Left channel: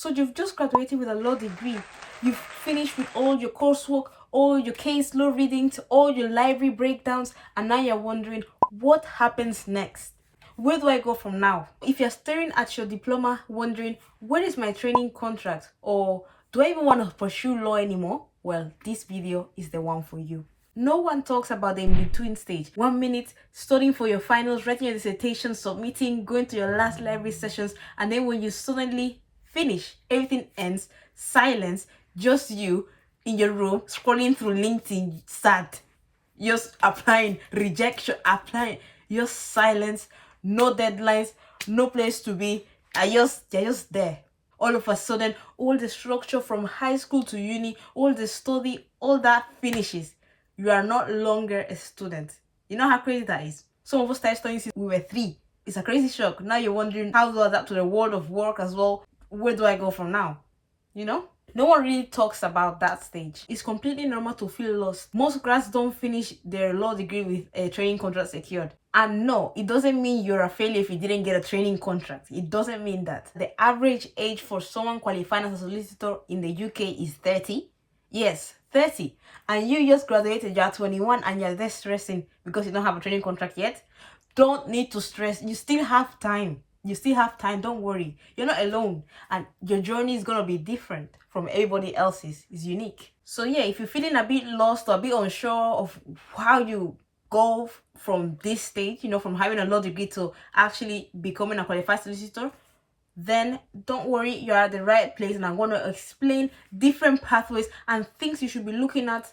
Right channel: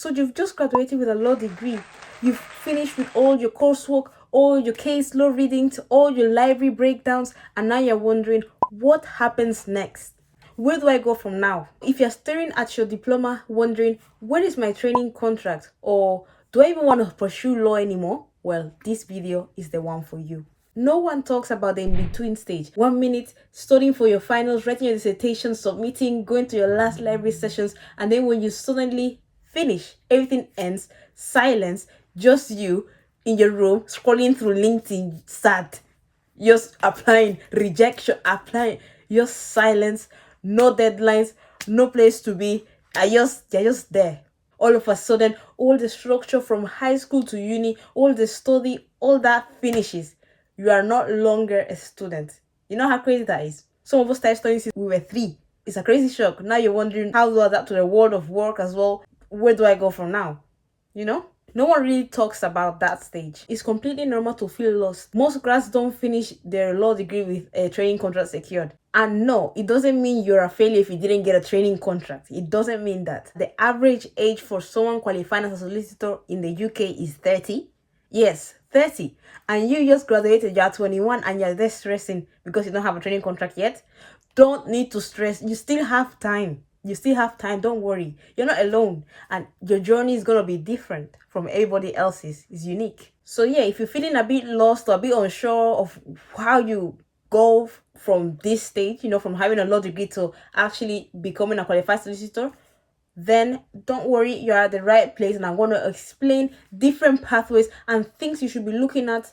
So you've just graduated with a law degree. You've finished with all your coursework, all your case law readings, all your library breakdowns, and now you're wondering what happens next. Where do I go from now? If you're staring at your diploma wondering, where is my training contract? Or do I even want to pursue law anymore? Well, this video is the one for you. No one talks about the in-between stage. 1 minute, studying for your finals, writing your dissertation, submitting, going to your last library sessions, and then when you suddenly finish, everything ends, silence, just you in your room, scrolling through LinkedIn, sad. Just applying, rejection, applying, just silence, no deadlines, no place to be. You're just there. All of a sudden, all the structure from high school to uni, all the study, all that finishes. You are not longer a student. You know how crazy that is? Some of us started studying since we were 3. It's a crazy shock. Now you're wondering, how do I adapt to the world of work as well? Where do I go from now? You know? No one really talks about that stage. It's completely normal to feel lost. Most grads don't finish their law degree with a training contract secured. And no, it doesn't mean you're a failure if you didn't get a training contract. It doesn't mean that. The average age for someone qualifying as a solicitor in the UK is 30. Yes, 30. And you just graduated, you're 21 and you're there stressing because you don't have a training contract yet. Don't need to stress. You still have time. You still have time. Don't worry. You're not alone. And your journey is going to be different from everybody else's. It's unique. So yeah, if you're feeling a bit lost or a bit unsure of how you go from this stage, from having a law degree to actually becoming a qualified solicitor, then don't worry, you're at the right place, and I'm going to explain different pathways and things you should be looking at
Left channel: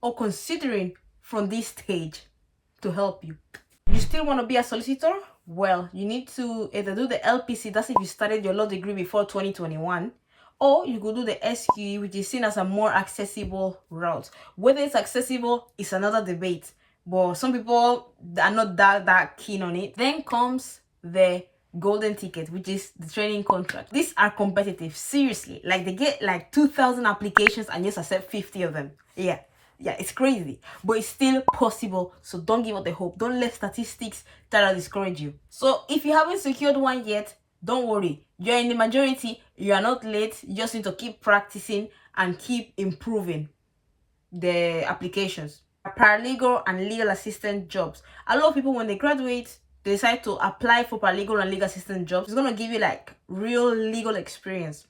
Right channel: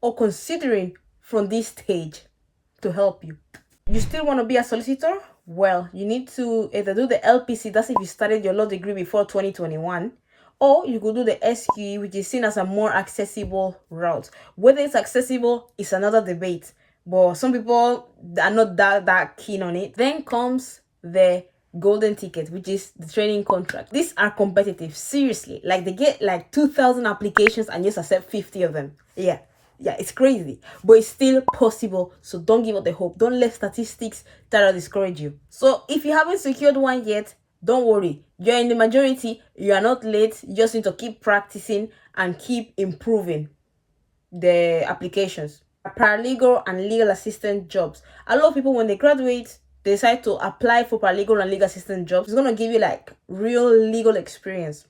or considering from this stage to help you. You still want to be a solicitor? Well, you need to either do the LPC, that's if you started your law degree before 2021, or you could do the SQE, which is seen as a more accessible route. Whether it's accessible is another debate, but some people are not that keen on it. Then comes the golden ticket, which is the training contract. These are competitive, seriously. Like, they get like 2,000 applications and just accept 50 of them. Yeah, it's crazy, but it's still possible. So don't give up the hope. Don't let statistics try to discourage you. So if you haven't secured one yet, don't worry. You're in the majority. You are not late. You just need to keep practicing and keep improving the applications. Paralegal and legal assistant jobs. A lot of people, when they graduate, they decide to apply for paralegal and legal assistant jobs. It's going to give you like real legal experience.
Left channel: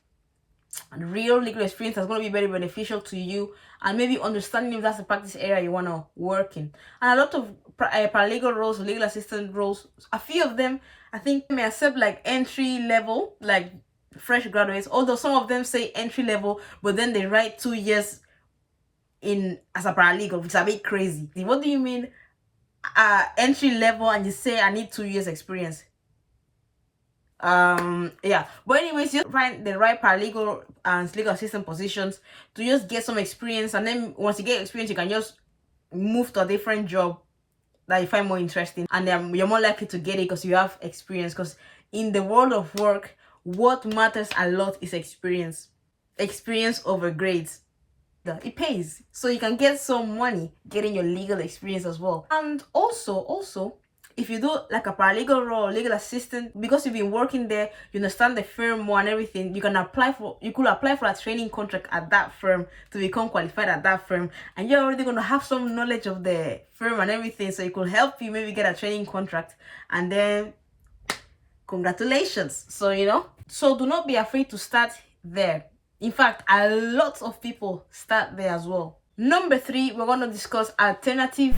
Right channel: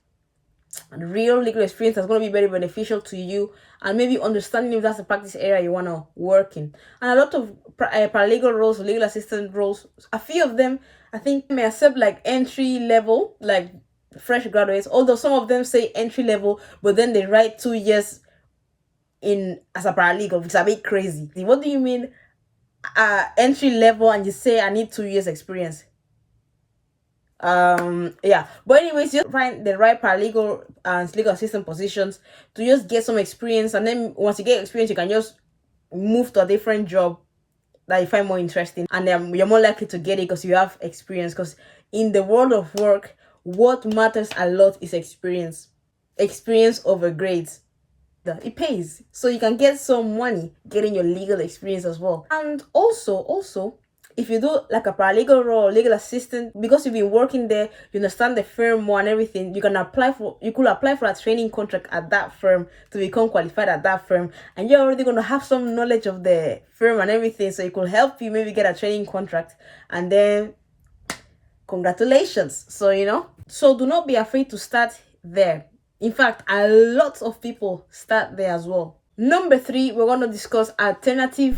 And real legal experience that's going to be very beneficial to you, and maybe understanding if that's the practice area you want to work in. And a lot of paralegal roles, legal assistant roles, a few of them I think may accept like entry level, like fresh graduates, although some of them say entry level, but then they write 2 years in as a paralegal, which is a bit crazy. What do you mean entry level and you say I need 2 years experience? Yeah, but anyways, just find the right paralegal and legal assistant positions to just get some experience, and then once you get experience, you can just move to a different job that you find more interesting, and then you're more likely to get it because you have experience. Because in the world of work, what matters a lot is experience over grades. It pays, so you can get some money getting your legal experience as well. And also if you do like a paralegal role, legal assistant, because you've been working there, you understand the firm more and everything, you could apply for a training contract at that firm to become qualified at that firm, and you're already going to have some knowledge of the firm and everything, so it could help you maybe get a training contract, and then congratulations. So do not be afraid to start there. In fact, a lot of people start there as well. Number 3, we're going to discuss alternative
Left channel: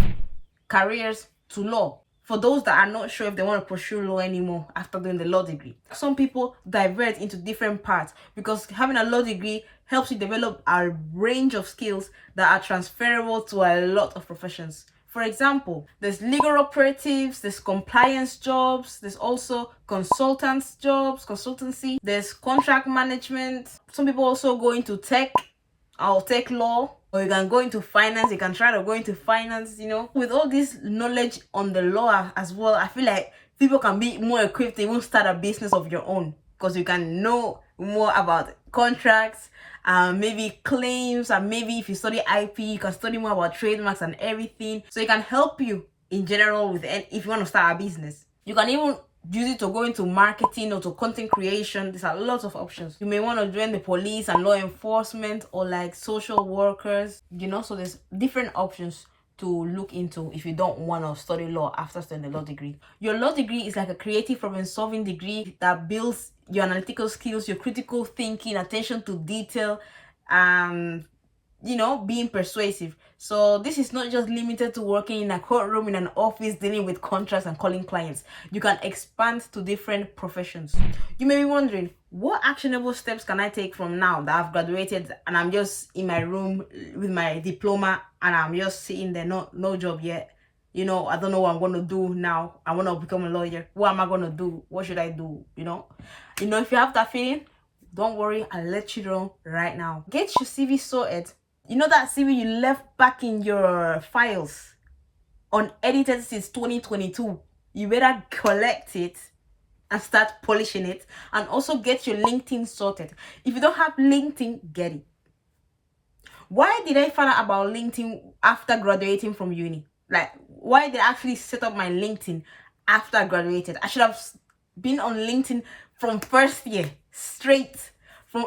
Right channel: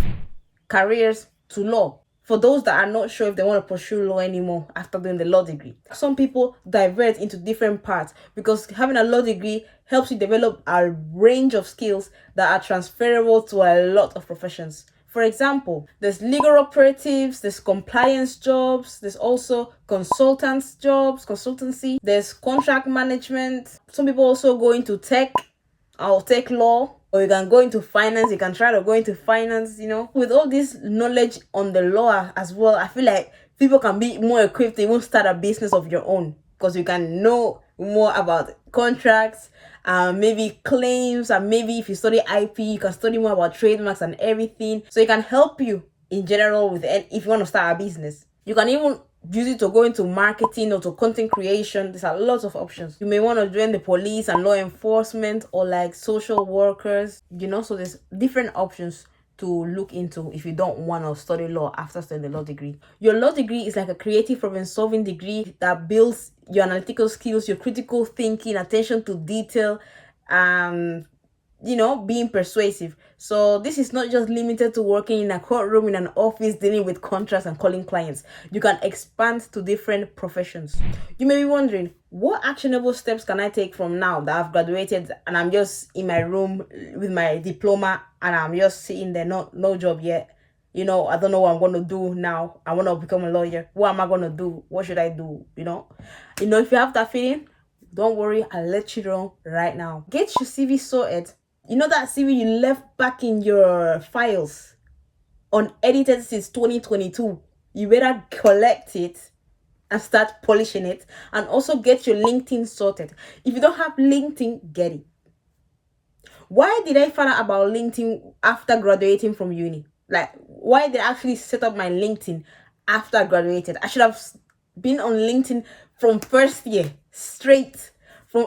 careers to law. For those that are not sure if they want to pursue law anymore after doing the law degree. Some people divert into different paths because having a law degree helps you develop a range of skills that are transferable to a lot of professions. For example, there's legal operatives, there's compliance jobs, there's also consultants jobs, consultancy, there's contract management. Some people also go into tech or tech law, or you can go into finance. You can try to go into finance, With all this knowledge on the law as well, I feel like people can be more equipped to even start a business of your own, because you can know more about contracts, maybe claims, and maybe if you study IP, you can study more about trademarks and everything. So it can help you in general if you want to start a business. You can even use it to go into marketing or to content creation. There's a lot of options. You may want to join the police and law enforcement or like social workers, so there's different options to look into if you don't want to study law after studying the law degree. Your law degree is like a creative problem solving degree that builds your analytical skills, your critical thinking, attention to detail, being persuasive. So this is not just limited to working in a courtroom, in an office, dealing with contracts and calling clients. You can expand to different professions. You may be wondering, what actionable steps can I take from now that I've graduated and I'm just in my room with my diploma and I'm just sitting there, no job yet? I don't know what I'm going to do now. I want to become a lawyer. What am I going to do? What should I do? If you have that feeling, don't worry, I'll let you know right now. Get your CV sorted. That CV you left back in your files unedited since 2022. You better collect it and start polishing it. And also get your LinkedIn sorted. If you don't have LinkedIn, get it. Why did I find out about LinkedIn after graduating from uni? Like, why did I actually set up my LinkedIn after I graduated? I should have been on LinkedIn from first year, straight.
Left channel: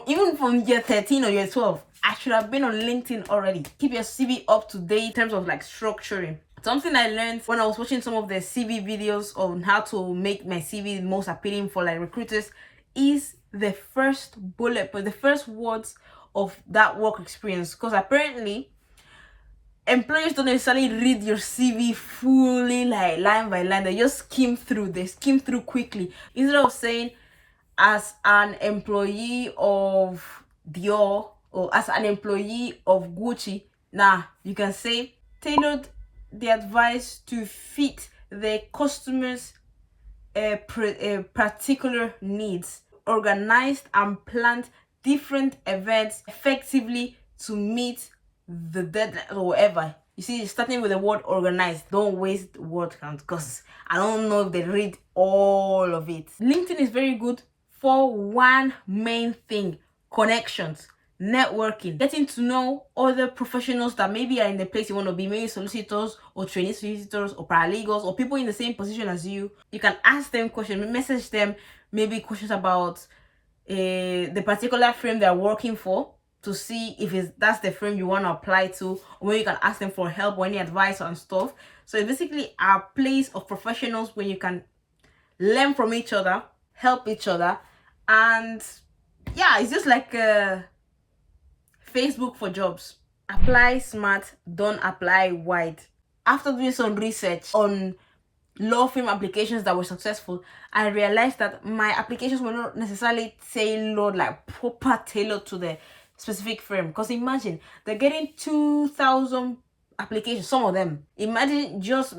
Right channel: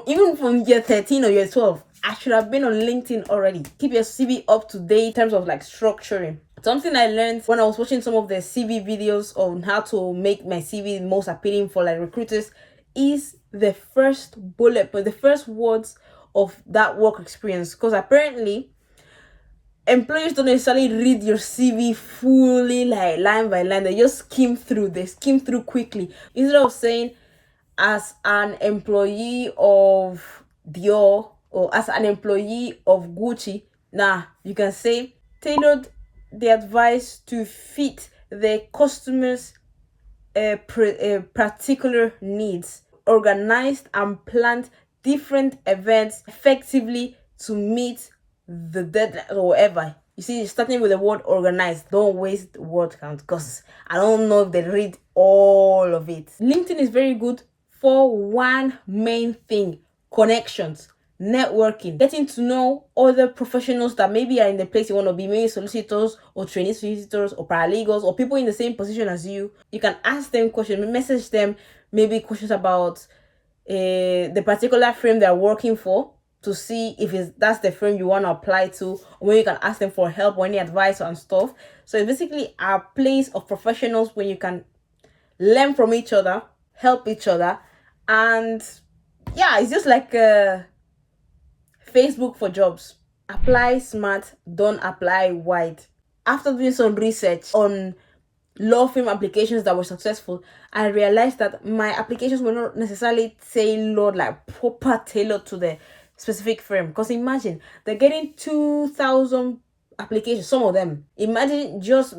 Even from year 13 or year 12. I should have been on LinkedIn already. Keep your CV up to date in terms of like structuring. Something I learned when I was watching some of the CV videos on how to make my CV most appealing for like recruiters is the first bullet, but the first words of that work experience. Because apparently, employers don't necessarily read your CV fully, like line by line. They just skim through. They skim through quickly. Instead of saying, as an employee of Dior or as an employee of Gucci, you can say tailored the advice to fit the customer's particular needs, organized and planned different events effectively to meet the deadline or whatever. You see, starting with the word organized. Don't waste word count because I don't know if they read all of it. LinkedIn is very good for one main thing: connections, networking, getting to know other professionals that maybe are in the place you want to be, maybe solicitors or trainee solicitors or paralegals or people in the same position as you. You can ask them questions, message them, maybe questions about the particular firm they're working for, to see if that's the firm you want to apply to, or maybe you can ask them for help or any advice and stuff. So it's basically a place of professionals where you can learn from each other, help each other, and yeah, it's just like Facebook for jobs. Apply smart, don't apply wide. After doing some research on law firm applications that were successful, I realized that my applications were not necessarily tailored, like proper tailored to the specific firm. Because imagine, they're getting 2,000 applications, some of them. Imagine just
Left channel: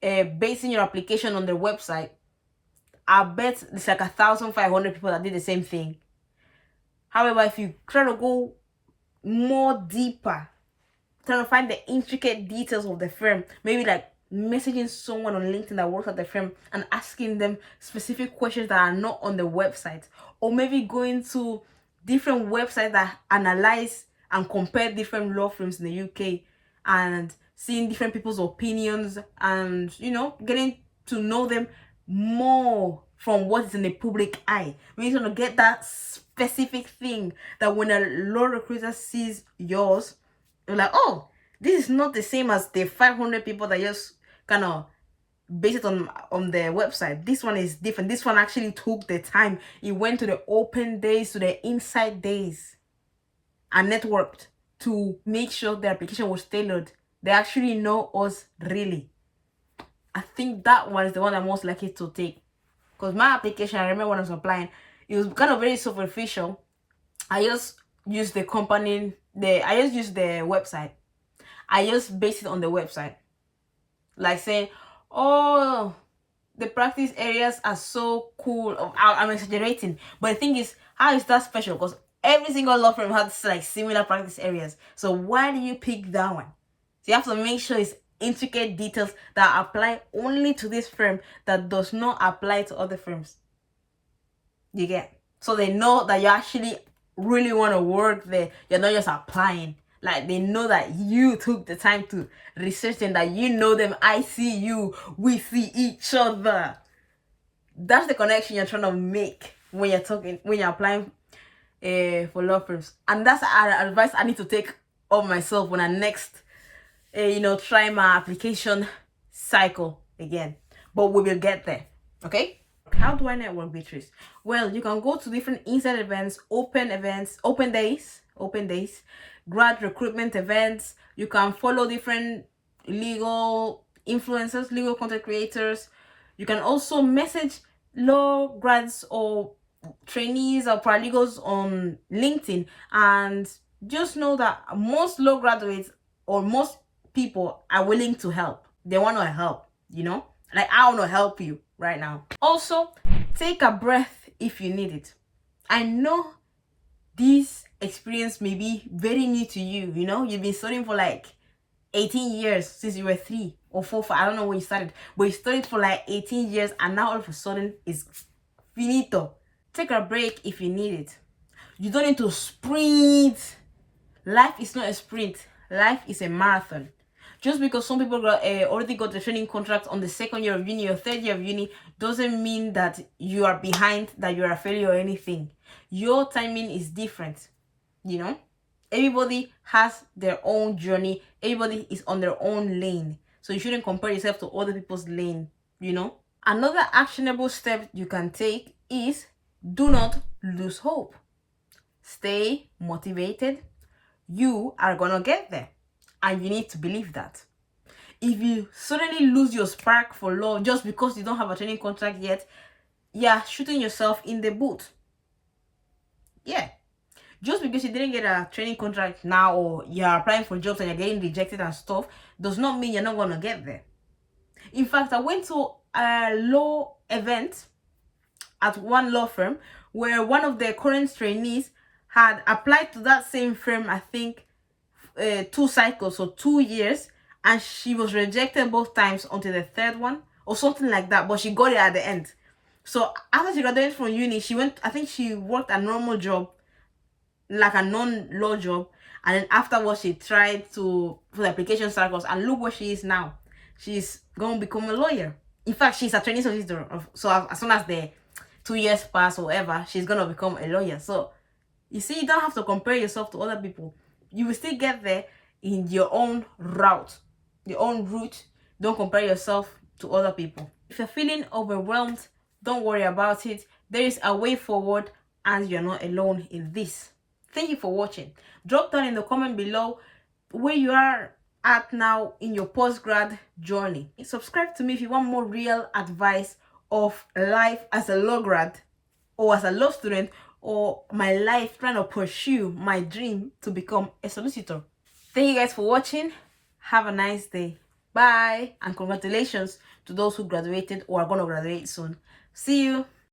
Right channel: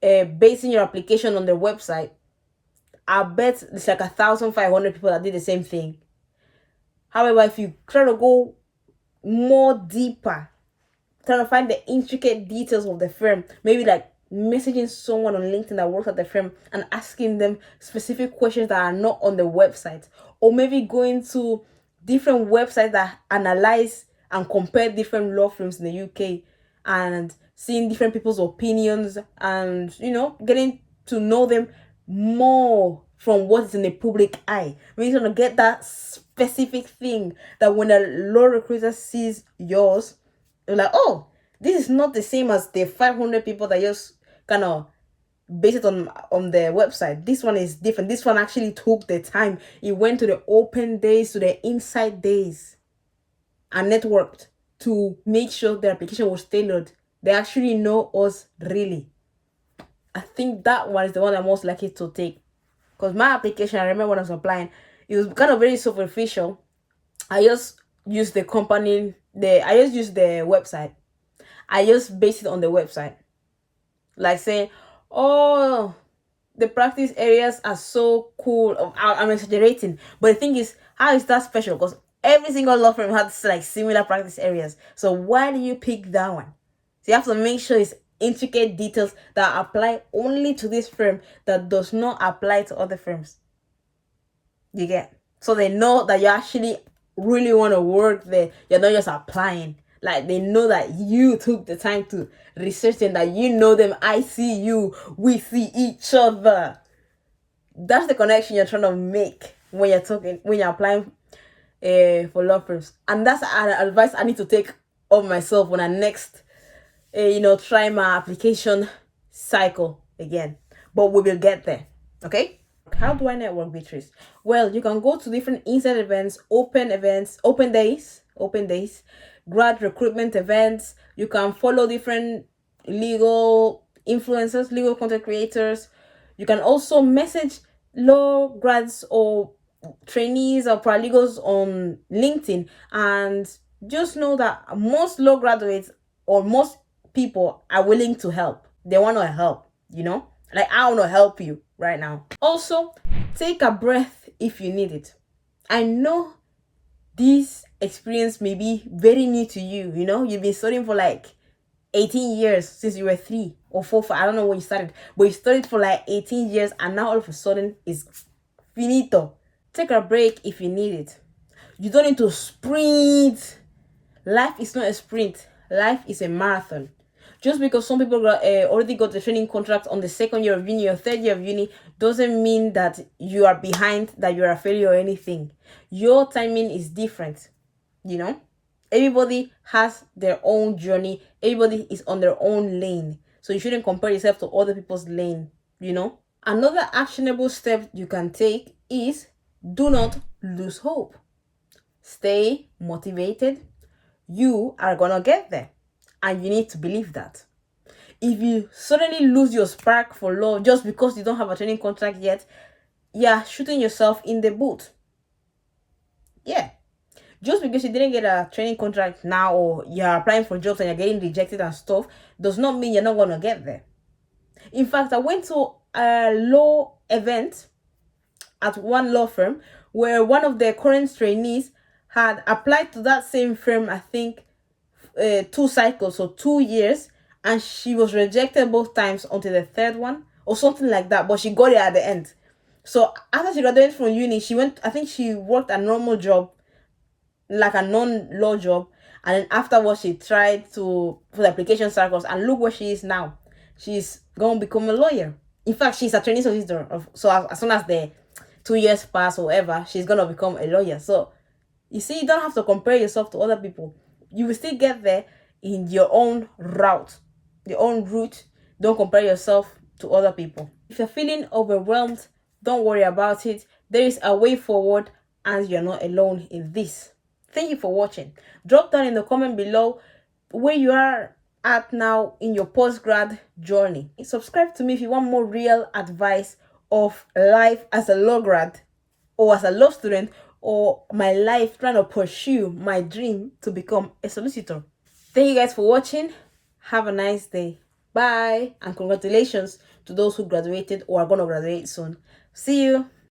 basing your application on their website. I bet it's like 1,500 people that did the same thing. However, if you try to go more deeper, trying to find the intricate details of the firm, maybe like messaging someone on LinkedIn that works at the firm and asking them specific questions that are not on the website, or maybe going to different websites that analyze and compare different law firms in the UK and seeing different people's opinions and getting to know them more from what is in the public eye. We need to get that specific thing that when a law recruiter sees yours, they're like, oh, this is not the same as the 500 people that just kind of base it on their website. This one is different. This one actually took the time. It went to the open days, to the inside days, and networked to make sure the application was tailored. They actually know us really. I think that one is the one I'm most likely to take. Because my application, I remember when I was applying, it was kind of very superficial. I just used the company, I just used the website. I just based it on the website. Like saying, oh, the practice areas are so cool. I'm exaggerating. But the thing is, how is that special? Because every single law firm has like similar practice areas. So why do you pick that one? So you have to make sure it's intricate details that apply only to this firm that does not apply to other firms. You get? So they know that you actually really want to work there. You're not just applying. Like, they know that you took the time to research and that you know them. I see you. We see each other. That's the connection you're trying to make when you're applying for law firms. And that's an advice I need to take of myself when I next try my application cycle again. But we will get there. Okay? How do I network, Beatrice? Well, you can go to different inside events, open days, grad recruitment events. You can follow different legal influencers, legal content creators. You can also message law grads or trainees or paralegals on LinkedIn, and just know that most law graduates or most people are willing to help. They want to help, like I want to help you right now. Also, take a breath if you need it. I know this experience may be very new to you. You've been studying for like 18 years since you were 3 or 4, I don't know when you started, but you studied for like 18 years, and now all of a sudden it's finito. Take a break if you need it. You don't need to sprint. Life is not a sprint. Life is a marathon. Just because some people already got the training contract on the second year of uni or third year of uni doesn't mean that you are behind, that you're a failure or anything. Your timing is different. Everybody has their own journey. Everybody is on their own lane. So you shouldn't compare yourself to other people's lane. Another actionable step you can take is do not lose hope. Stay motivated. You are gonna get there, and you need to believe that. If you suddenly lose your spark for love just because you don't have a training contract yet, you're shooting yourself in the boot. Yeah. Just because you didn't get a training contract now, or you're applying for jobs and you're getting rejected and stuff, does not mean you're not gonna get there. In fact, I went to a law event at one law firm where one of the current trainees had applied to that same firm, I think 2 cycles, so 2 years, and she was rejected both times until the third one or something like that, but she got it at the end. So after she graduated from uni, I think she worked a normal job, like a non-law job, and then afterwards she tried for the application circles, and look where she is now. She's gonna become a lawyer. In fact, she's a training solicitor, so as soon as the 2 years pass or whatever, she's gonna become a lawyer. So you see, you don't have to compare yourself to other people. You will still get there in your own route. Don't compare yourself to other people. If you're feeling overwhelmed, don't worry about it. There is a way forward, and you're not alone in this. Thank you for watching. Drop down in the comment below where you are at now in your post-grad journey. Subscribe to me if you want more real advice of life as a law grad or as a law student, or my life trying to pursue my dream to become a solicitor. Thank you guys for watching. Have a nice day. Bye. And congratulations to those who graduated or are going to graduate soon. See you.